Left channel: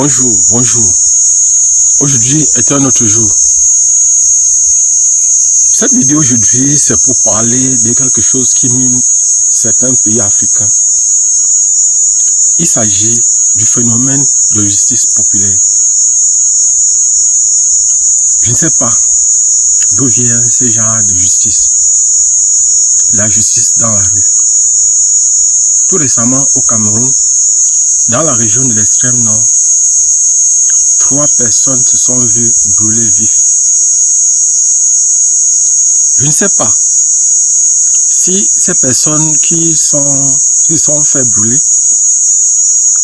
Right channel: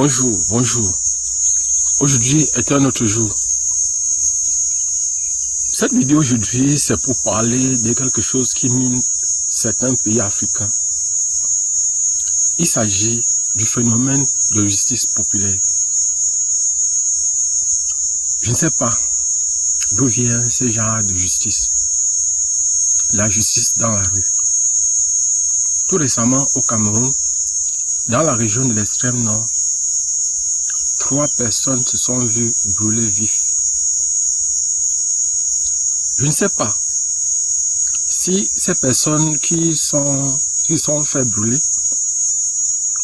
Bonjour. Aujourd'hui est un autre jour. Cette vidéo aujourd'hui, c'est pour parler de quelque chose qui mine certains pays africains. Il s'agit du phénomène de justice populaire. Je ne sais pas d'où vient ce genre de justice. La justice dans la rue. Tout récemment au Cameroun, dans la région de l'extrême nord, 3 personnes se sont vues brûler vifs. Je ne sais pas si ces personnes qui sont fait brûler,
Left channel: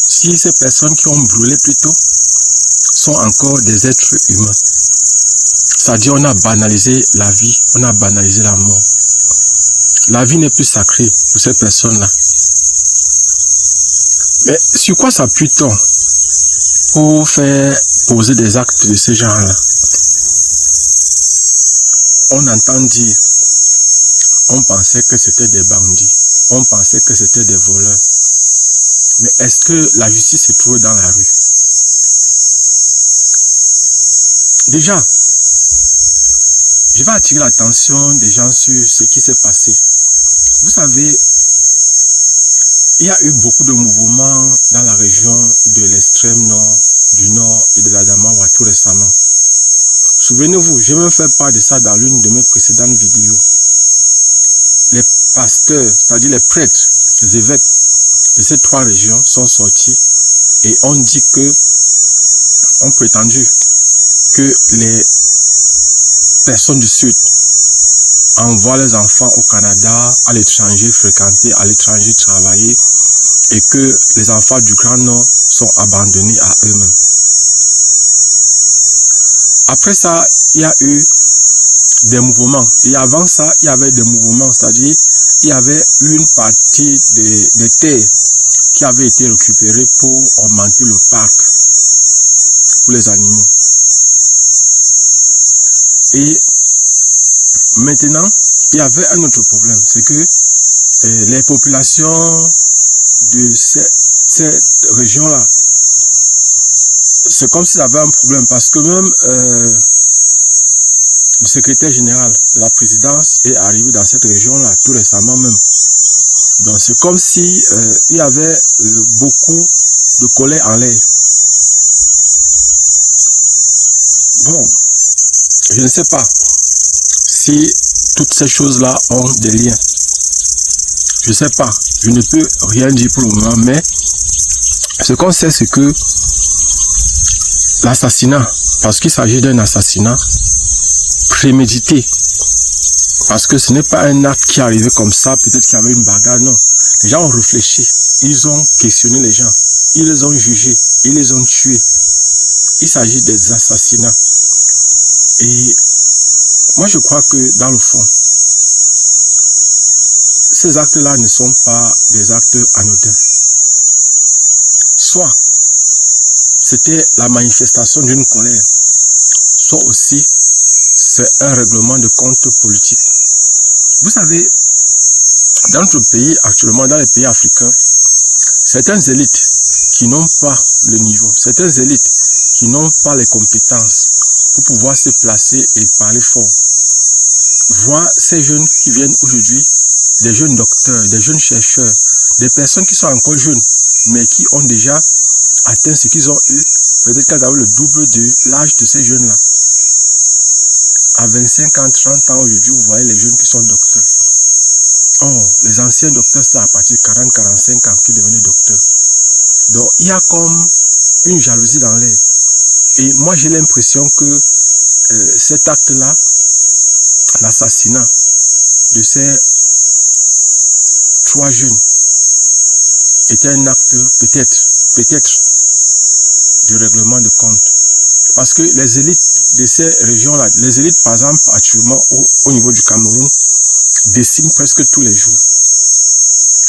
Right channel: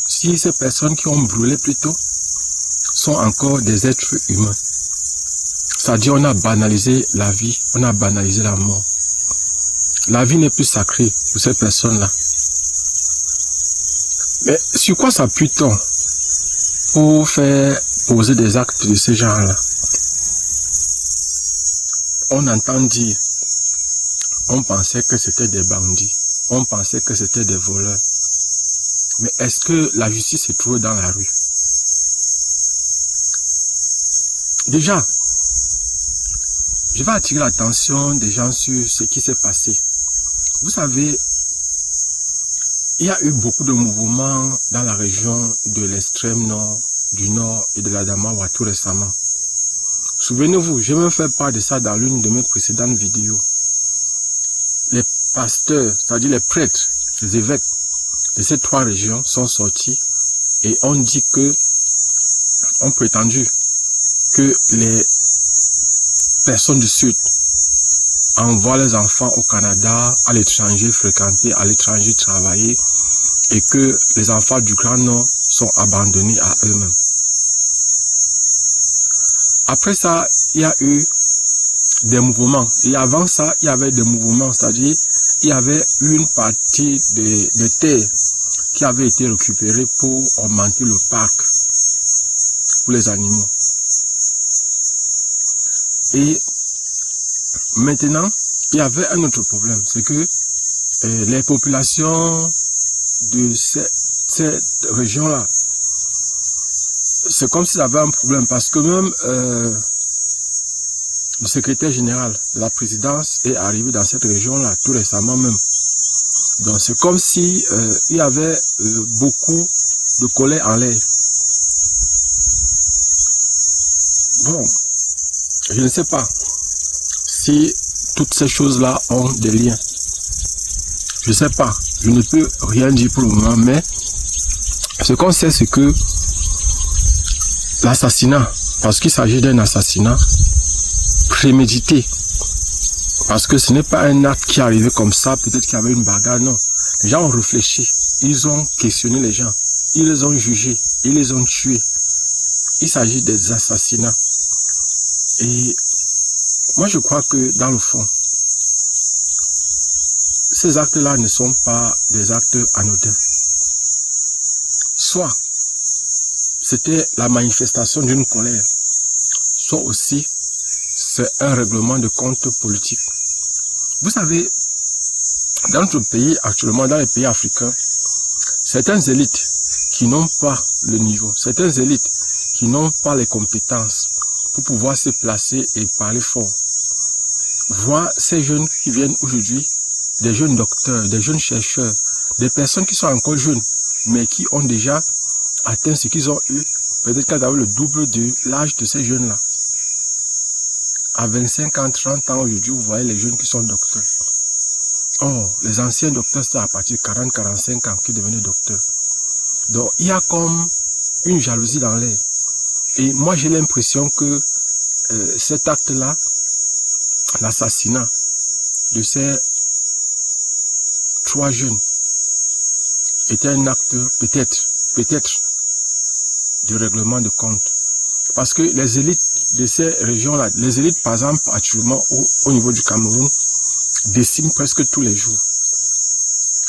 si ces personnes qui ont brûlé plutôt, sont encore des êtres humains. C'est-à-dire on a banalisé la vie, on a banalisé la mort. La vie n'est plus sacrée pour ces personnes-là. Mais sur quoi s'appuie-t-on pour faire poser des actes de ce genre-là? On entend dire, on pensait que c'était des bandits, on pensait que c'était des voleurs. Mais est-ce que la justice se trouve dans la rue? Déjà, je vais attirer l'attention des gens sur ce qui s'est passé. Vous savez, il y a eu beaucoup de mouvements dans la région de l'extrême nord, du nord et de l'Adamawa tout récemment. Souvenez-vous, j'ai même fait part de ça dans l'une de mes précédentes vidéos. Les pasteurs, c'est-à-dire les prêtres, les évêques de ces 3 régions sont sortis et ont dit que, ont prétendu que les personnes du Sud envoient les enfants au Canada, à l'étranger fréquenter, à l'étranger travailler, et que les enfants du Grand Nord sont abandonnés à eux-mêmes. Après ça, il y a eu des mouvements. Et avant ça, il y avait des mouvements, c'est-à-dire il y avait une partie des terres qui avait été récupérée pour augmenter le parc pour les animaux. Et maintenant, il y avait un autre problème, c'est que les populations de cette région-là, c'est comme s'il y avait un problème, parce que même le secrétaire général de la présidence est arrivé dans cette région-là, tout récemment même. Donc c'est comme si il y avait beaucoup de colère en l'air. Bon, je ne sais pas si toutes ces choses-là ont des liens. Je ne sais pas, je ne peux rien dire pour le moment, mais ce qu'on sait, c'est que l'assassinat, parce qu'il s'agit d'un assassinat prémédité, parce que ce n'est pas un acte qui est arrivé comme ça, peut-être qu'il y avait une bagarre, non. Les gens ont réfléchi, ils ont questionné les gens, ils les ont jugés, ils les ont tués. Il s'agit des assassinats. Et moi je crois que dans le fond, ces actes-là ne sont pas des actes anodins. Soit c'était la manifestation d'une colère, soit aussi c'est un règlement de compte politique. Vous savez, dans notre pays actuellement, dans les pays africains, certaines élites qui n'ont pas le niveau, certaines élites qui n'ont pas les compétences pour pouvoir se placer et parler fort, voient ces jeunes qui viennent aujourd'hui, des jeunes docteurs, des jeunes chercheurs, des personnes qui sont encore jeunes, mais qui ont déjà atteint ce qu'ils ont eu, peut-être qu'elles avaient le double de l'âge de ces jeunes-là. À 25 ans, 30 ans aujourd'hui, vous voyez les jeunes qui sont docteurs. Oh, les anciens docteurs, c'est à partir de 40, 45 ans qu'ils devenaient docteurs. Donc, il y a comme une jalousie dans l'air. Et moi, j'ai l'impression que cet acte-là, l'assassinat de ces 3 jeunes, était un acte peut-être, de règlement de compte. Parce que les élites de ces régions-là, les élites par exemple actuellement au niveau du Cameroun, déciment presque tous les jours.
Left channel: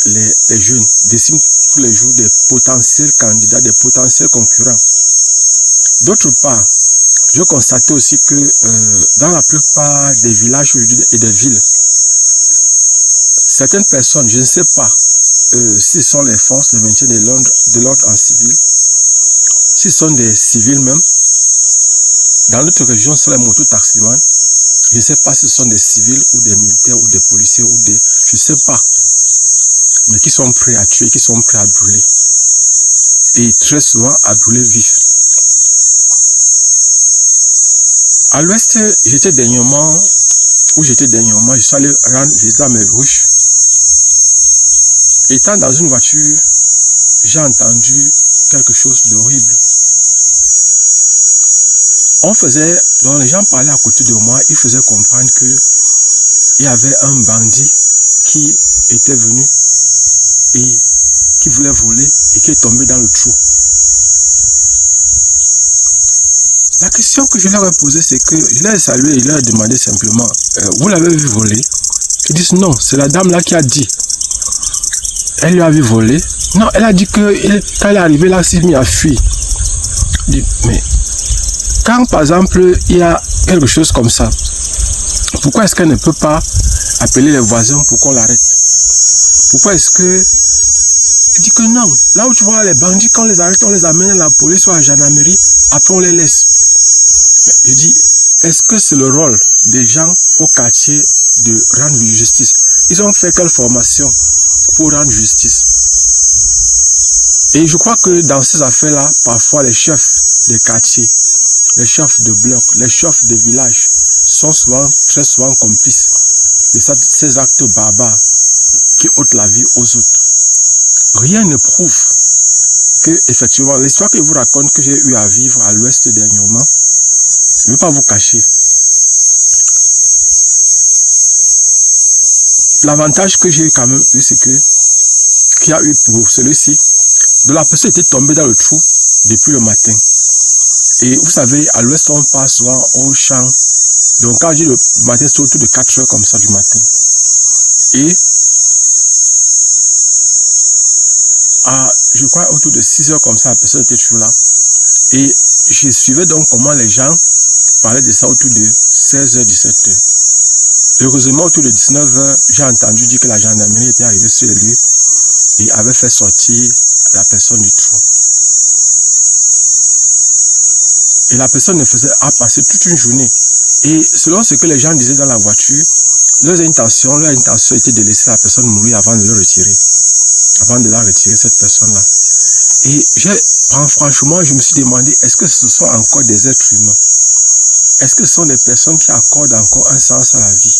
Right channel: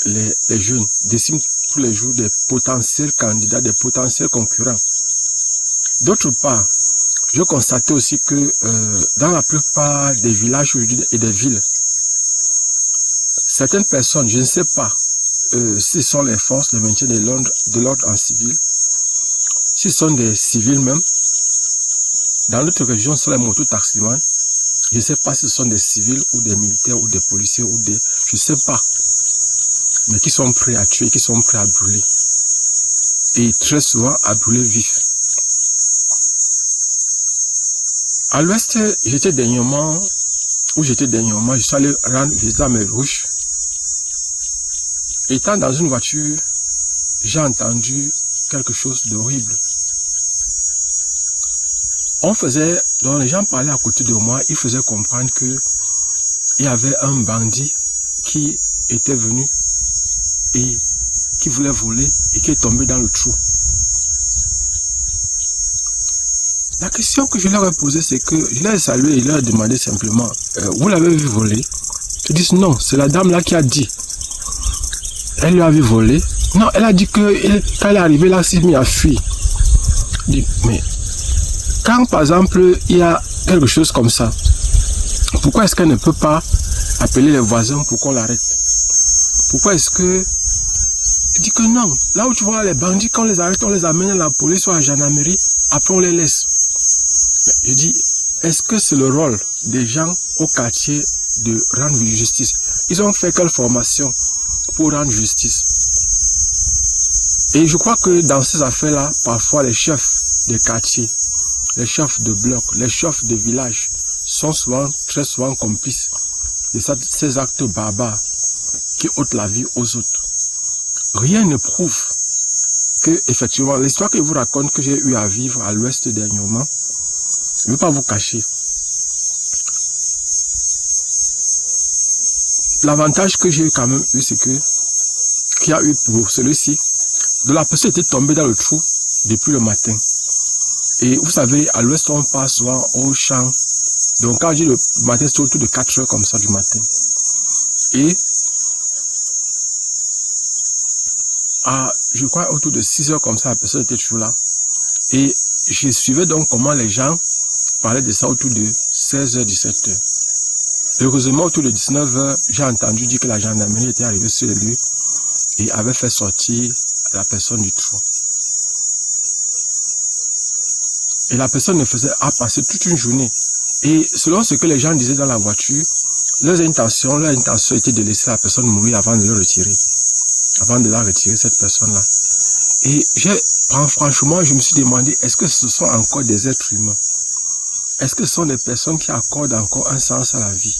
Les jeunes déciment tous les jours des potentiels candidats, des potentiels concurrents. D'autre part, je constatais aussi que dans la plupart des villages et des villes, certaines personnes, je ne sais pas si ce sont les forces de maintien de l'ordre en civil, s'ils sont des civils même, dans notre région, sur les mototaximans, je ne sais pas si ce sont des civils ou des militaires ou des policiers ou des... Je ne sais pas. Mais qui sont prêts à tuer, qui sont prêts à brûler. Et très souvent à brûler vif. À l'ouest, j'étais dernièrement, je suis allé rendre visite à mes ruches. Étant dans une voiture, j'ai entendu quelque chose d'horrible. Donc les gens parlaient à côté de moi, ils faisaient comprendre que il y avait un bandit qui était venu et qui voulait voler et qui est tombé dans le trou. La question que je leur ai posée, c'est que je leur ai salué et je leur ai demandé simplement, vous l'avez vu voler? Ils disent non, c'est la dame là qui a dit. Elle lui a vu voler. Non, elle a dit que quand elle est arrivée là, elle s'est mise à fuir. Mais quand par exemple il y a quelque chose comme ça, pourquoi est-ce qu'elle ne peut pas appeler les voisins pour qu'on l'arrête? Pourquoi est-ce que... Elle dit que non, là où tu vois les bandits, quand on les arrête, on les amène à la police ou à la gendarmerie, après on les laisse. Mais je dis, est-ce que c'est le rôle des gens au quartier de rendre justice? Ils ont fait quelle formation pour rendre justice? Et je crois que dans ces affaires-là, parfois les chefs des quartiers, les chefs de bloc, les chefs de village sont très souvent complices de ces actes barbares qui ôtent la vie aux autres. Rien ne prouve que, effectivement, l'histoire que je vous raconte que j'ai eu à vivre à l'ouest dernièrement, je ne vais pas vous cacher. L'avantage que j'ai quand même eu, c'est que, qu'il y a eu pour celui-ci, de la personne était tombée dans le trou depuis le matin. Et vous savez, à l'ouest, on passe souvent au champ. Donc, quand je dis le matin, c'est autour de 4 heures comme ça du matin. Et je crois autour de 6 heures comme ça, la personne était toujours là. Et je suivais donc comment les gens parlaient de ça autour de 16h, 17h. Heureusement, autour de 19h, j'ai entendu dire que la gendarmerie était arrivée sur les lieux et avait fait sortir la personne du trou. Et la personne a passé toute une journée. Et selon ce que les gens disaient dans la voiture, leur intention était de laisser la personne mourir avant de le retirer. Avant de la retirer, cette personne-là. Et franchement, je me suis demandé, est-ce que ce sont encore des êtres humains? Est-ce que ce sont des personnes qui accordent encore un sens à la vie?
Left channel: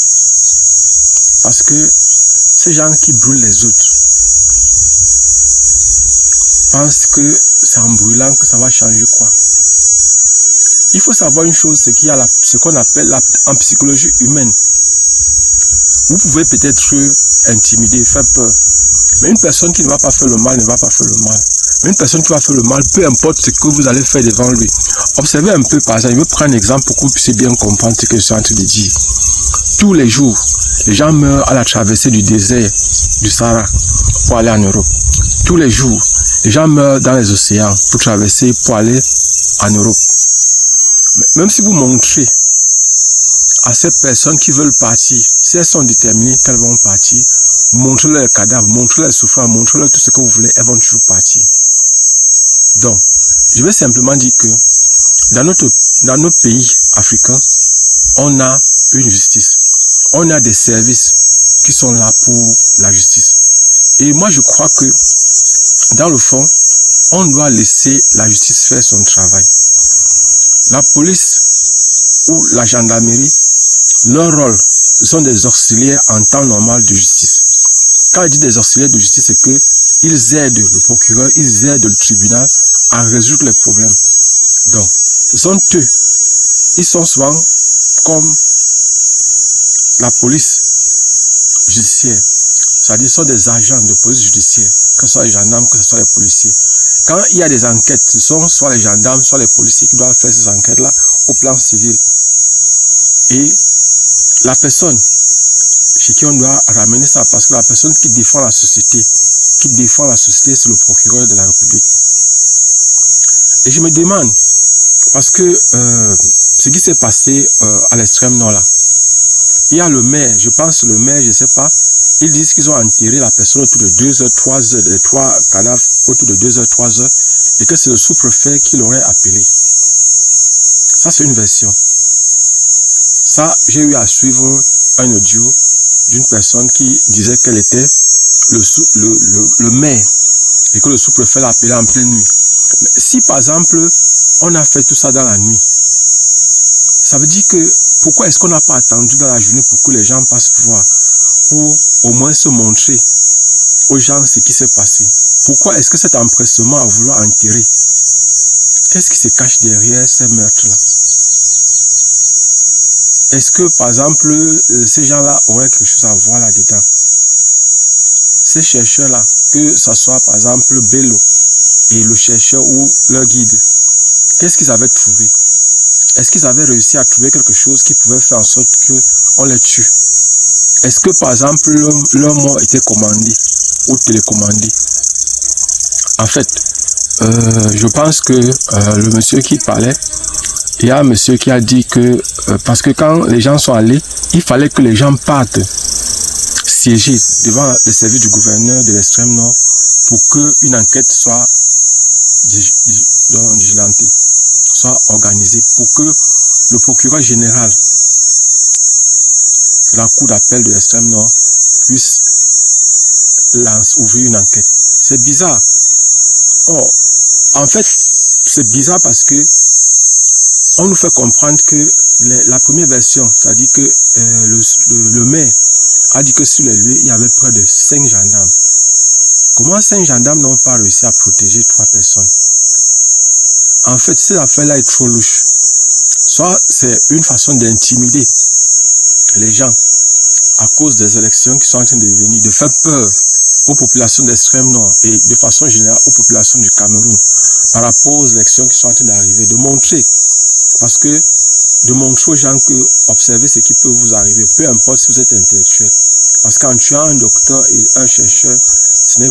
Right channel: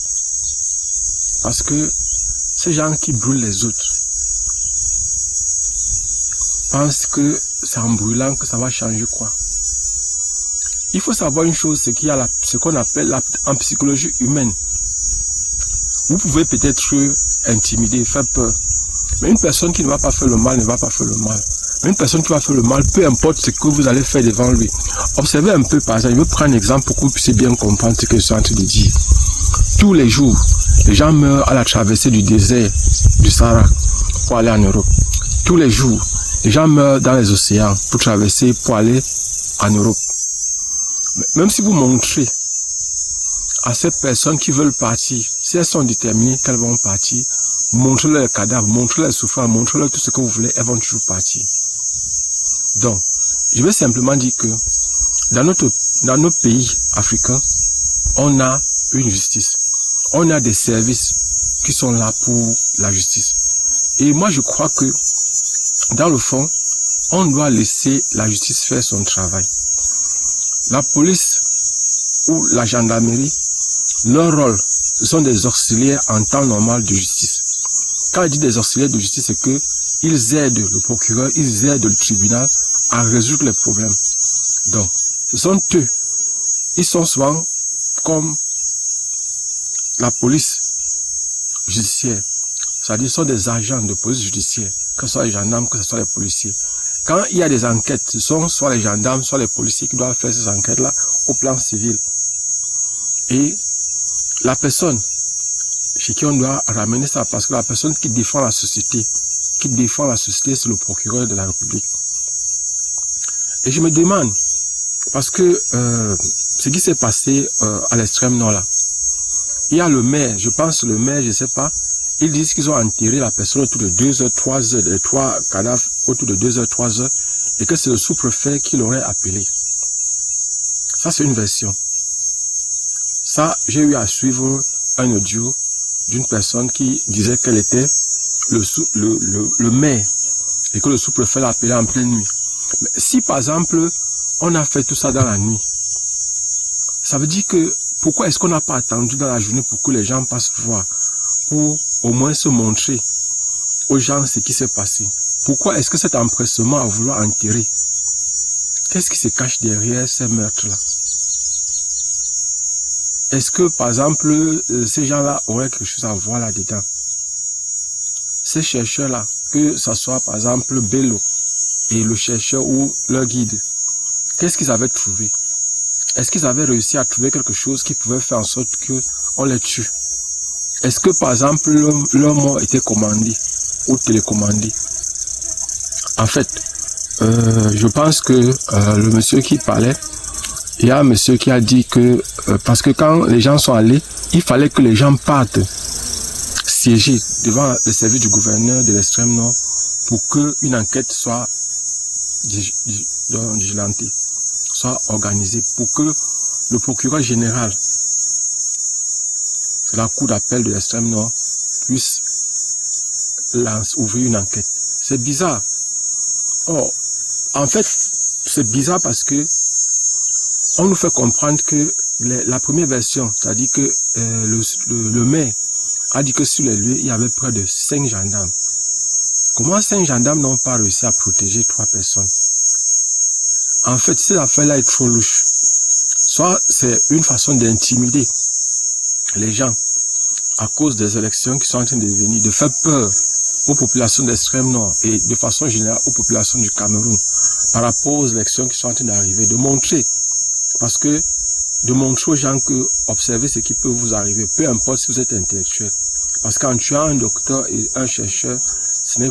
Parce que ces gens qui brûlent les autres pensent que c'est en brûlant que ça va changer quoi? Il faut savoir une chose, c'est qu'il y a ce qu'on appelle en psychologie humaine. Vous pouvez peut-être intimider, faire peur. Mais une personne qui ne va pas faire le mal ne va pas faire le mal. Mais une personne qui va faire le mal, peu importe ce que vous allez faire devant lui. Observez un peu par exemple, je vais prendre un exemple pour que vous puissiez bien comprendre ce que je suis en train de dire. Tous les jours, les gens meurent à la traversée du désert du Sahara pour aller en Europe. Tous les jours, les gens meurent dans les océans pour traverser, pour aller en Europe. Même si vous montrez à ces personnes qui veulent partir, si elles sont déterminées qu'elles vont partir, montrez-leur les cadavres, montrez-leur les souffrances, montrez-leur tout ce que vous voulez, elles vont toujours partir. Donc, je vais simplement dire que dans nos pays africains, on a une justice. On a des services qui sont là pour la justice. Et moi, je crois que, dans le fond, on doit laisser la justice faire son travail. La police ou la gendarmerie, leur rôle, ce sont des auxiliaires en temps normal de justice. Quand je dis des auxiliaires de justice, c'est qu'ils aident le procureur, ils aident le tribunal à résoudre les problèmes. Donc, ce sont eux. Ils sont souvent comme la police judiciaire. C'est-à-dire, ce sont des agents de police judiciaire, que ce soit les gendarmes, que ce soit les policiers. Quand il y a des enquêtes, ce sont soit les gendarmes, soit les policiers qui doivent faire ces enquêtes-là au plan civil. Et la personne chez qui on doit ramener ça, parce que la personne qui défend la société, c'est le procureur de la République. Et je me demande, parce que ce qui s'est passé à l'extrême nord là, il y a le maire, je pense le maire, je ne sais pas, ils disent qu'ils ont enterré la personne autour de 2 heures, 3 heures, les 3 cadavres autour de 2 heures, 3 heures, et que c'est le sous-préfet qui l'aurait appelé. Ça, c'est une version. Ça, j'ai eu à suivre un audio d'une personne qui disait qu'elle était le maire et que le sous-préfet l'a appelé en pleine nuit. Mais si, par exemple, on a fait tout ça dans la nuit, ça veut dire que pourquoi est-ce qu'on n'a pas attendu dans la journée pour que les gens passent voir, pour au moins se montrer aux gens ce qui s'est passé? Pourquoi est-ce que cet empressement à vouloir enterrer? Qu'est-ce qui se cache derrière ces meurtres-là? Est-ce que, par exemple, ces gens-là auraient quelque chose à voir là-dedans? Ces chercheurs-là, que ce soit, par exemple, Bello et le chercheur ou leur guide, qu'est-ce qu'ils avaient trouvé? Est-ce qu'ils avaient réussi à trouver quelque chose qui pouvait faire en sorte qu'on les tue? Est-ce que, par exemple, leur mort était commandé ou télécommandé? En fait, je pense que le monsieur qui parlait, il y a un monsieur qui a dit que, parce que quand les gens sont allés, il fallait que les gens partent siéger devant le service du gouverneur de l'extrême nord pour qu'une enquête soit diligentée, soit organisée, pour que le procureur général de la cour d'appel de l'extrême nord puisse ouvrir une enquête. C'est bizarre. Or, en fait, c'est bizarre parce que on nous fait comprendre que la première version, c'est-à-dire que le maire a dit que sur les lieux, il y avait près de 5 gendarmes. Comment 5 gendarmes n'ont pas réussi à protéger 3 personnes? En fait, cette affaire-là est trop louche. Soit c'est une façon d'intimider les gens à cause des élections qui sont en train de venir, de faire peur aux populations d'extrême nord et de façon générale aux populations du Cameroun par rapport aux élections qui sont en train d'arriver, de montrer, parce que de montrer aux gens que observez ce qui peut vous arriver, peu importe si vous êtes intellectuel. Parce qu'en tuant un docteur et un chercheur, ce ne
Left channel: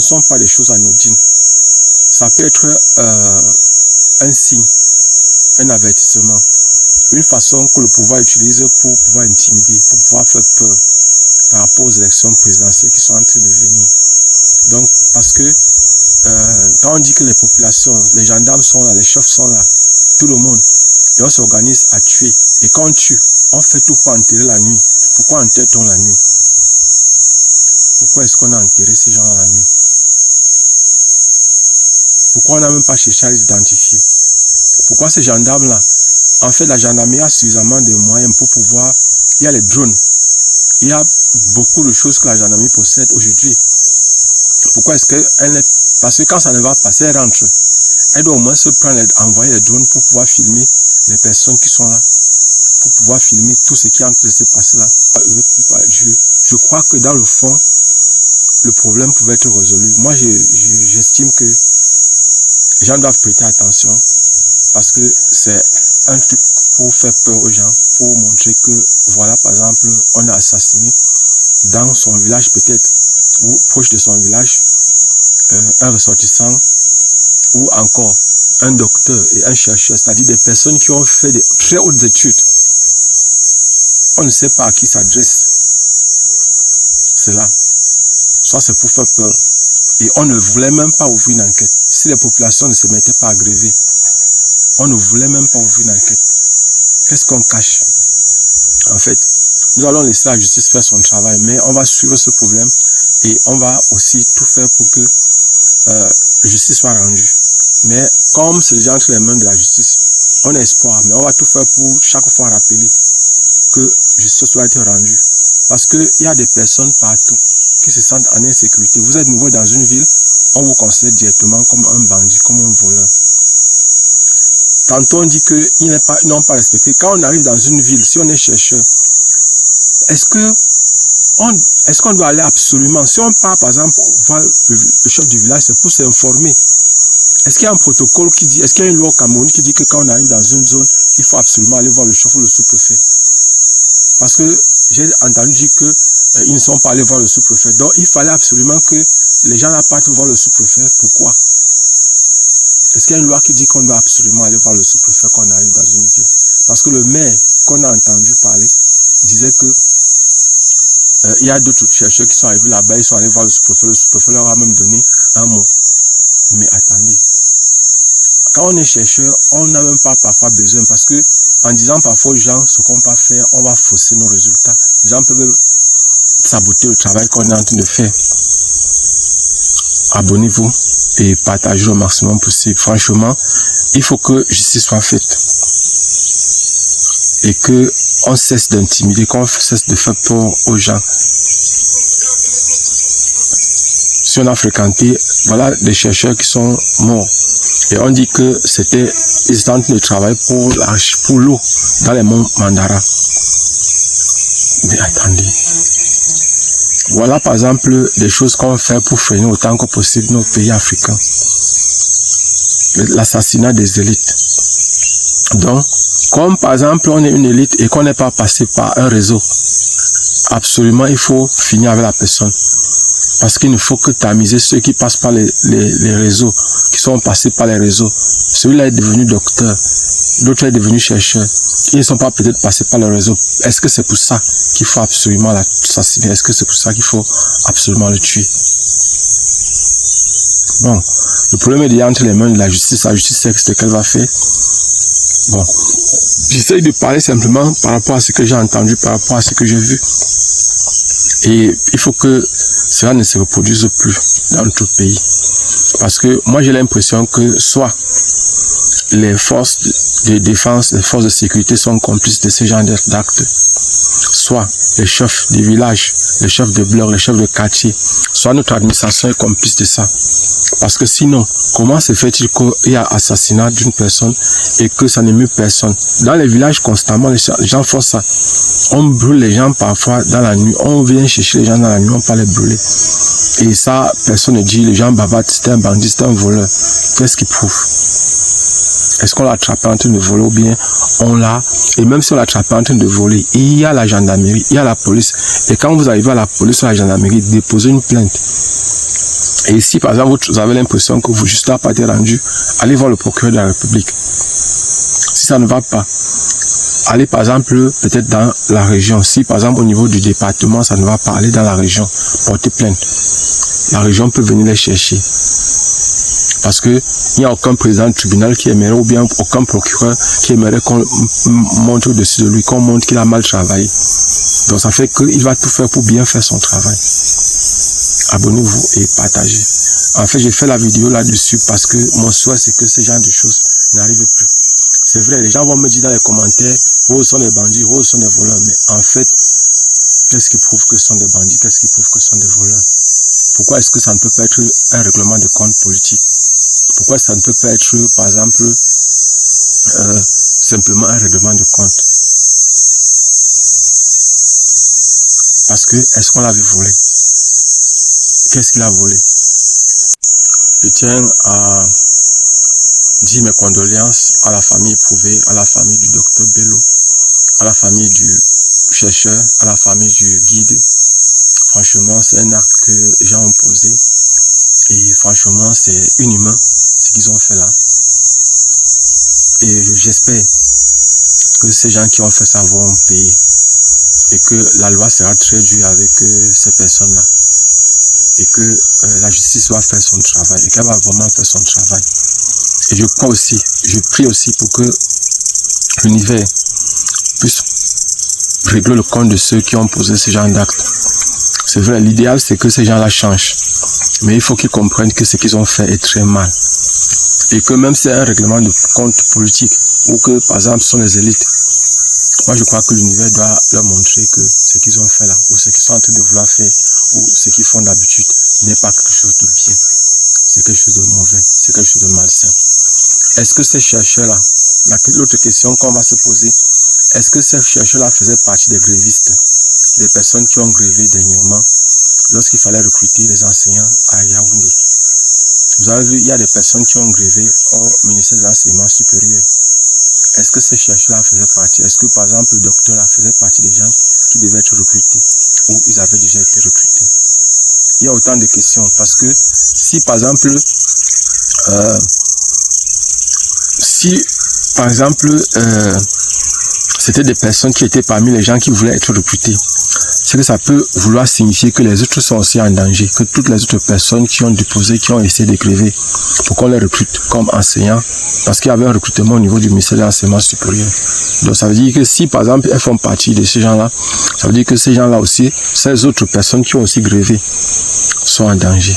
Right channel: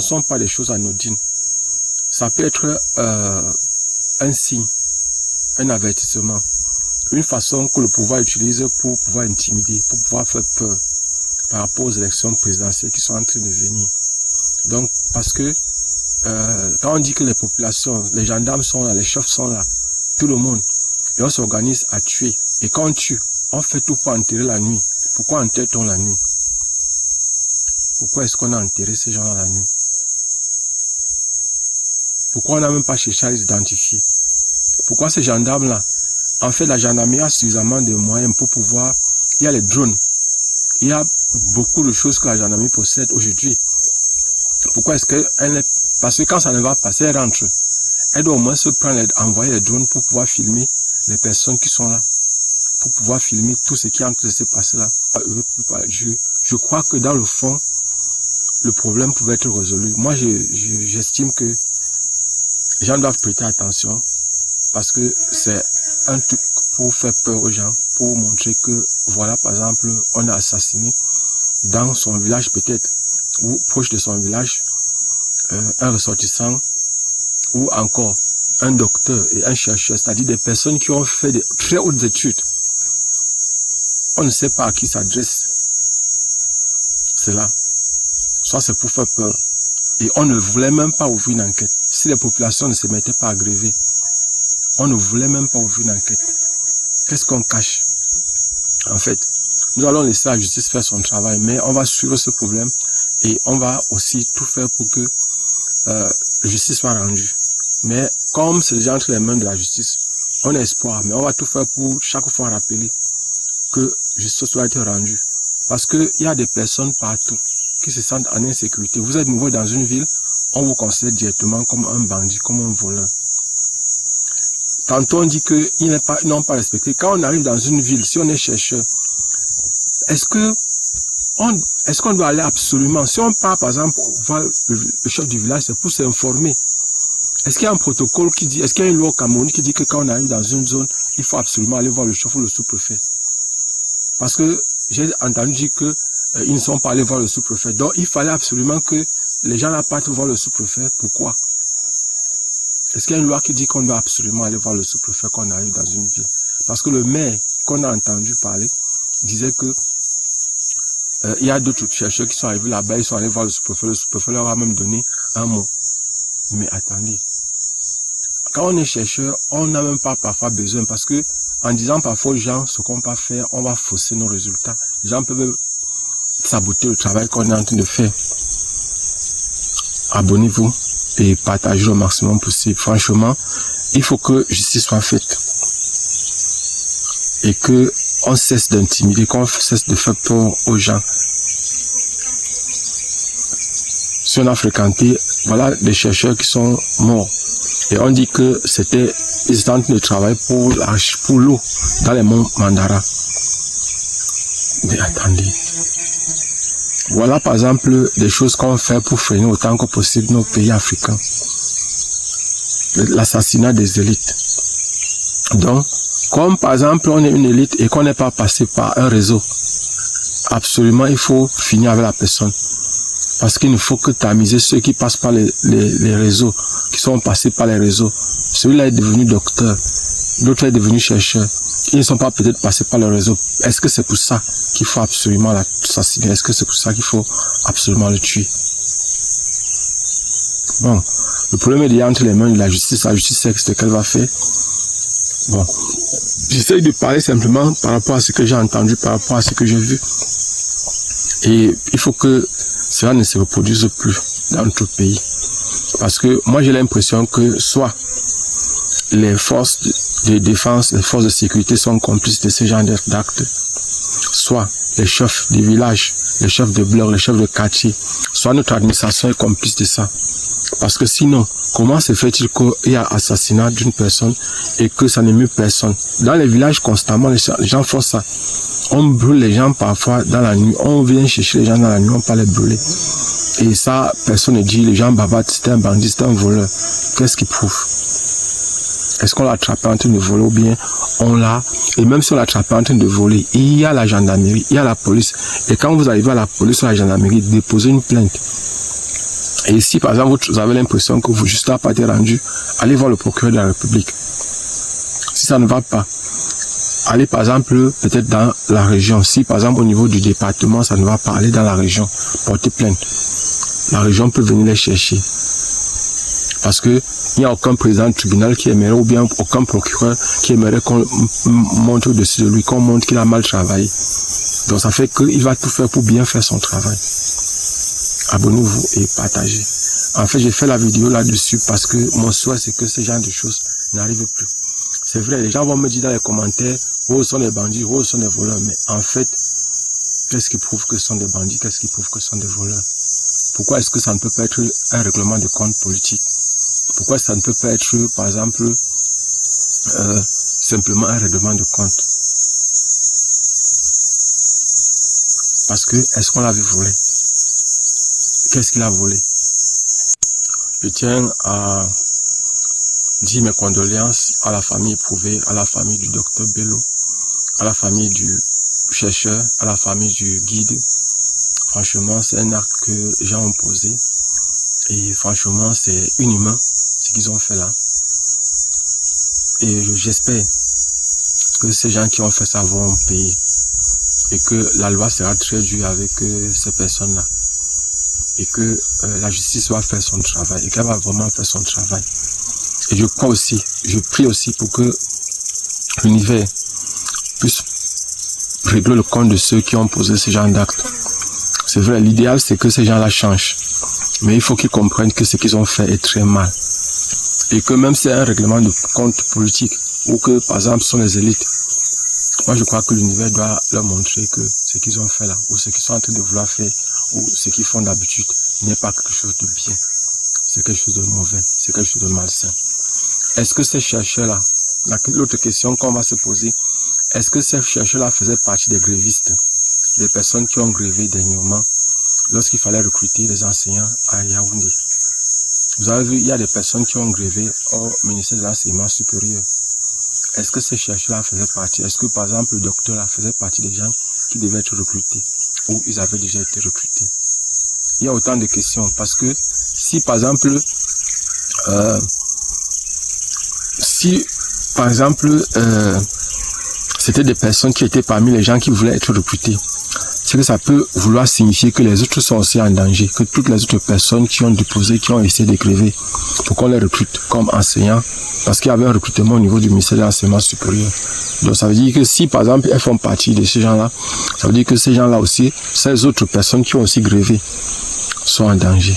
sont pas des choses anodines. Ça peut être un signe, un avertissement, une façon que le pouvoir utilise pour pouvoir intimider, pour pouvoir faire peur par rapport aux élections présidentielles qui sont en train de venir. Donc, parce que quand on dit que les populations, les gendarmes sont là, les chefs sont là, tout le monde, et on s'organise à tuer. Et quand on tue, on fait tout pour enterrer la nuit. Pourquoi enterre-t-on la nuit? Pourquoi est-ce qu'on a enterré ces gens la nuit? Pourquoi on n'a même pas cherché à les identifier? Pourquoi ces gendarmes-là? En fait, la gendarmerie a suffisamment de moyens pour pouvoir... Il y a les drones. Il y a beaucoup de choses que la gendarmerie possède aujourd'hui. Pourquoi est-ce qu'elle est... Parce que quand ça ne va pas, elle rentre. Elle doit au moins se prendre, envoyer les drones pour pouvoir filmer les personnes qui sont là. Pour pouvoir filmer tout ce qui est en train de se passer là. Je crois que dans le fond, le problème pouvait être résolu. Moi, j'estime que les gens doivent prêter attention parce que c'est un truc pour faire peur aux gens, pour montrer que, voilà, par exemple, on a assassiné dans son village peut-être, ou proche de son village, un ressortissant, ou encore un docteur et un chercheur, c'est-à-dire des personnes qui ont fait de très hautes études. On ne sait pas à qui s'adresse cela. Soit c'est pour faire peur. Et on ne voulait même pas ouvrir une enquête. Si les populations ne se mettaient pas à gréver, on ne voulait même pas ouvrir une enquête. Qu'est-ce qu'on cache? En fait, nous allons laisser la justice faire son travail, mais on va suivre ce problème et on va aussi tout faire pour que la justice soit rendue. Mais comme c'est déjà entre les mains de la justice, on a espoir, mais on va tout faire pour chaque fois rappeler que justice doit être rendue. Parce qu'il y a des personnes partout qui se sentent en insécurité. Vous êtes nouveau dans une ville, on vous considère directement comme un bandit, comme un voleur. Tantôt on dit qu'ils n'ont pas respecté. Quand on arrive dans une ville, si on est chercheur, est-ce qu'on doit aller absolument? Si on part par exemple voir le chef du village, c'est pour s'informer. Est-ce qu'il y a un protocole qui dit, est-ce qu'il y a une loi au Cameroun qui dit que quand on arrive dans une zone, il faut absolument aller voir le chef ou le sous-préfet? Parce que j'ai entendu dire qu'ils ne sont pas allés voir le sous-préfet. Donc il fallait absolument que les gens là partent voir le sous-préfet. Pourquoi? Est-ce qu'il y a une loi qui dit qu'on doit absolument aller voir le sous-préfet quand on arrive dans une ville? Parce que le maire qu'on a entendu parler disait que il y a d'autres chercheurs qui sont arrivés là-bas, ils sont allés voir le sous-préfet leur a même donné un mot. Mais attendez, quand on est chercheur, on n'a même pas parfois besoin parce que en disant parfois aux gens ce qu'on va faire, on va fausser nos résultats. Les gens peuvent saboter le travail qu'on est en train de faire. Abonnez-vous et partagez au maximum possible. Franchement, il faut que justice soit faite et que on cesse d'intimider, qu'on cesse de faire peur aux gens. Si on a fréquenté, voilà des chercheurs qui sont morts. Et on dit que c'était, ils étaient en train de travailler pour l'eau dans les monts Mandara. Mais attendez. Voilà par exemple des choses qu'on fait pour freiner autant que possible nos pays africains. L'assassinat des élites. Donc, comme par exemple on est une élite et qu'on n'est pas passé par un réseau, absolument il faut finir avec la personne. Parce qu'il ne faut que tamiser ceux qui passent par les réseaux, qui sont passés par les réseaux. Celui-là est devenu docteur, l'autre est devenu chercheur. Ils ne sont pas peut-être passés par le réseau. Est-ce que c'est pour ça qu'il faut absolument l'assassiner? Est-ce que c'est pour ça qu'il faut absolument le tuer? Bon, le problème est déjà entre les mains de la justice. La justice sait ce qu'elle va faire. Bon, j'essaye de parler simplement par rapport à ce que j'ai entendu, par rapport à ce que j'ai vu. Et il faut que cela ne se reproduise plus dans notre pays. Parce que moi j'ai l'impression que soit les forces de défense, les forces de sécurité sont complices de ce genre d'actes, soit les chefs des villages, les chefs de blocs, les chefs de quartier, soit notre administration est complice de ça. Parce que sinon, comment se fait-il qu'il y a assassinat d'une personne et que ça n'émeut personne? Dans les villages, constamment, les gens font ça. On brûle les gens parfois dans la nuit. On vient chercher les gens dans la nuit, on peut les brûler. Et ça, personne ne dit, les gens babattent, c'est un bandit, c'est un voleur. Qu'est-ce qui prouve? Est-ce qu'on l'a attrapé en train de voler ou bien on l'a... Et même si on l'a attrapé en train de voler, il y a la gendarmerie, il y a la police. Et quand vous arrivez à la police ou à la gendarmerie, déposez une plainte. Et si par exemple vous avez l'impression que vous juste n'a pas été rendu, allez voir le procureur de la République. Si ça ne va pas, allez par exemple peut-être dans la région. Si par exemple au niveau du département ça ne va pas, allez dans la région, porter plainte. La région peut venir les chercher. Parce que il n'y a aucun président du tribunal qui aimerait, ou bien aucun procureur qui aimerait qu'on monte au-dessus de lui, qu'on montre qu'il a mal travaillé. Donc ça fait qu'il va tout faire pour bien faire son travail. Abonnez-vous et partagez. En fait, j'ai fait la vidéo là-dessus parce que mon souhait, c'est que ce genre de choses n'arrivent plus. C'est vrai, les gens vont me dire dans les commentaires, oh, ce sont des bandits, oh, ce sont des voleurs. Mais en fait, qu'est-ce qui prouve que ce sont des bandits? Qu'est-ce qui prouve que ce sont des voleurs? Pourquoi est-ce que ça ne peut pas être un règlement de compte politique? Pourquoi ça ne peut pas être, par exemple, simplement un règlement de compte? Parce que, est-ce qu'on l'avait volé? Qu'est-ce qu'il a volé? Je tiens à dire mes condoléances à la famille éprouvée, à la famille du docteur Bello, à la famille du chercheur, à la famille du guide. Franchement, c'est un acte que les gens ont posé. Et franchement, c'est inhumain ce qu'ils ont fait là. Et j'espère que ces gens qui ont fait ça vont payer. Et que la loi sera très dure avec ces personnes-là. Et que la justice va faire son travail. Et qu'elle va vraiment faire son travail. Et je crois aussi, je prie aussi pour que l'univers puisse régler le compte de ceux qui ont posé ce genre d'actes. C'est vrai, l'idéal c'est que ces gens-là changent. Mais il faut qu'ils comprennent que ce qu'ils ont fait est très mal. Et que même si c'est un règlement de compte politique, ou que par exemple ce sont les élites, moi je crois que l'univers doit leur montrer que ce qu'ils ont fait là, ou ce qu'ils sont en train de vouloir faire, ou ce qu'ils font d'habitude, n'est pas quelque chose de bien. C'est quelque chose de mauvais, c'est quelque chose de malsain. Est-ce que ces chercheurs-là, l'autre question qu'on va se poser, est-ce que ces chercheurs-là faisaient partie des grévistes, des personnes qui ont grévé dernièrement lorsqu'il fallait recruter les enseignants à Yaoundé? Vous avez vu, il y a des personnes qui ont grévé au ministère de l'enseignement supérieur. Est-ce que ces chercheurs-là faisaient partie? Est-ce que par exemple le docteur là faisait partie des gens qui devaient être recrutés ou ils avaient déjà été recrutés? Il y a autant de questions parce que si par exemple c'était des personnes qui étaient parmi les gens qui voulaient être recrutés, c'est que ça peut vouloir signifier que les autres sont aussi en danger, que toutes les autres personnes qui ont déposé, qui ont essayé de gréver pour qu'on les recrute comme enseignants, parce qu'il y avait un recrutement au niveau du ministère de l'enseignement supérieur. Donc ça veut dire que si par exemple elles font partie de ces gens-là, ça veut dire que ces gens-là aussi, ces autres personnes qui ont aussi grévé sont en danger.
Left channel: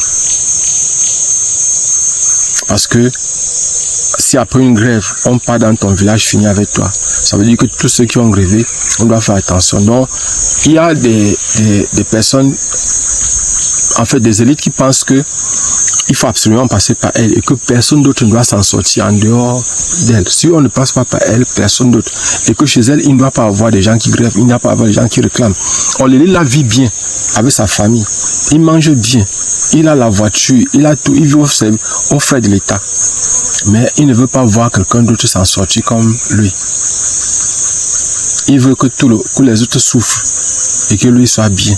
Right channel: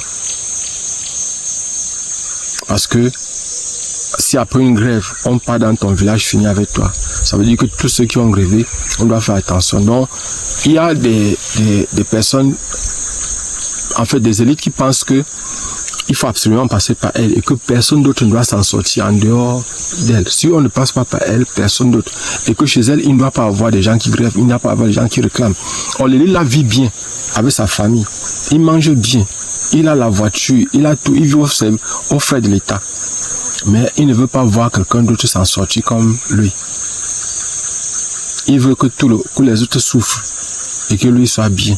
Parce que si après une grève, on part dans ton village, finit avec toi, ça veut dire que tous ceux qui ont grévé, on doit faire attention. Donc, il y a des personnes, en fait des élites qui pensent que il faut absolument passer par elles et que personne d'autre ne doit s'en sortir en dehors d'elles. Si on ne passe pas par elles, personne d'autre. Et que chez elles, il ne doit pas avoir des gens qui grèvent, il n'y a pas avoir des gens qui réclament. On les la vit bien avec sa famille. Il mange bien. Il a la voiture, il a tout, il vit au frais de l'État. Mais il ne veut pas voir quelqu'un d'autre s'en sortir comme lui. Il veut que les autres souffrent et que lui soit bien.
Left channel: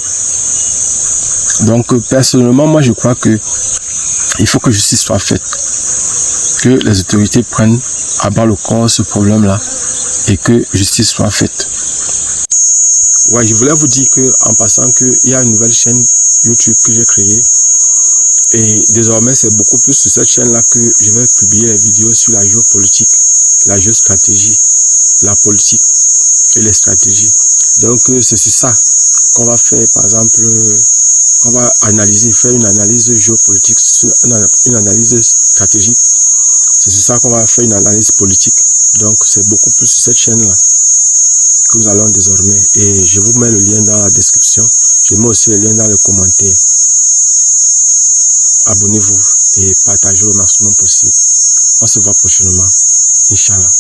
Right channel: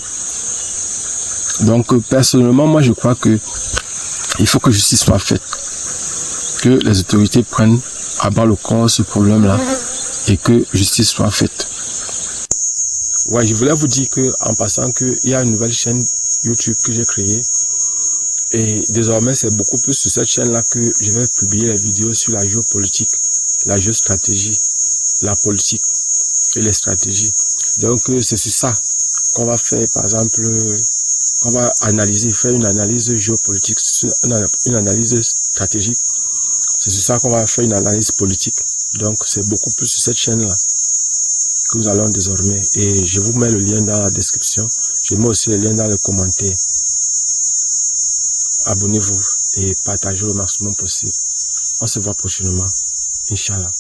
Donc personnellement, moi je crois que il faut que justice soit faite. Que les autorités prennent à bas le corps ce problème-là et que justice soit faite. Ouais, je voulais vous dire que en passant qu'il y a une nouvelle chaîne YouTube que j'ai créée. Et désormais, c'est beaucoup plus sur cette chaîne-là que je vais publier les vidéos sur la géopolitique, la géostratégie, la politique et les stratégies. Donc, c'est sur ça qu'on va faire, par exemple, on va analyser, faire une analyse géopolitique, une analyse stratégique. C'est sur ça qu'on va faire une analyse politique. Donc, c'est beaucoup plus sur cette chaîne-là que nous allons désormais. Et je vous mets le lien dans la description. Je mets aussi le lien dans les commentaires. Abonnez-vous et partagez le maximum possible. On se voit prochainement. Inch'Allah.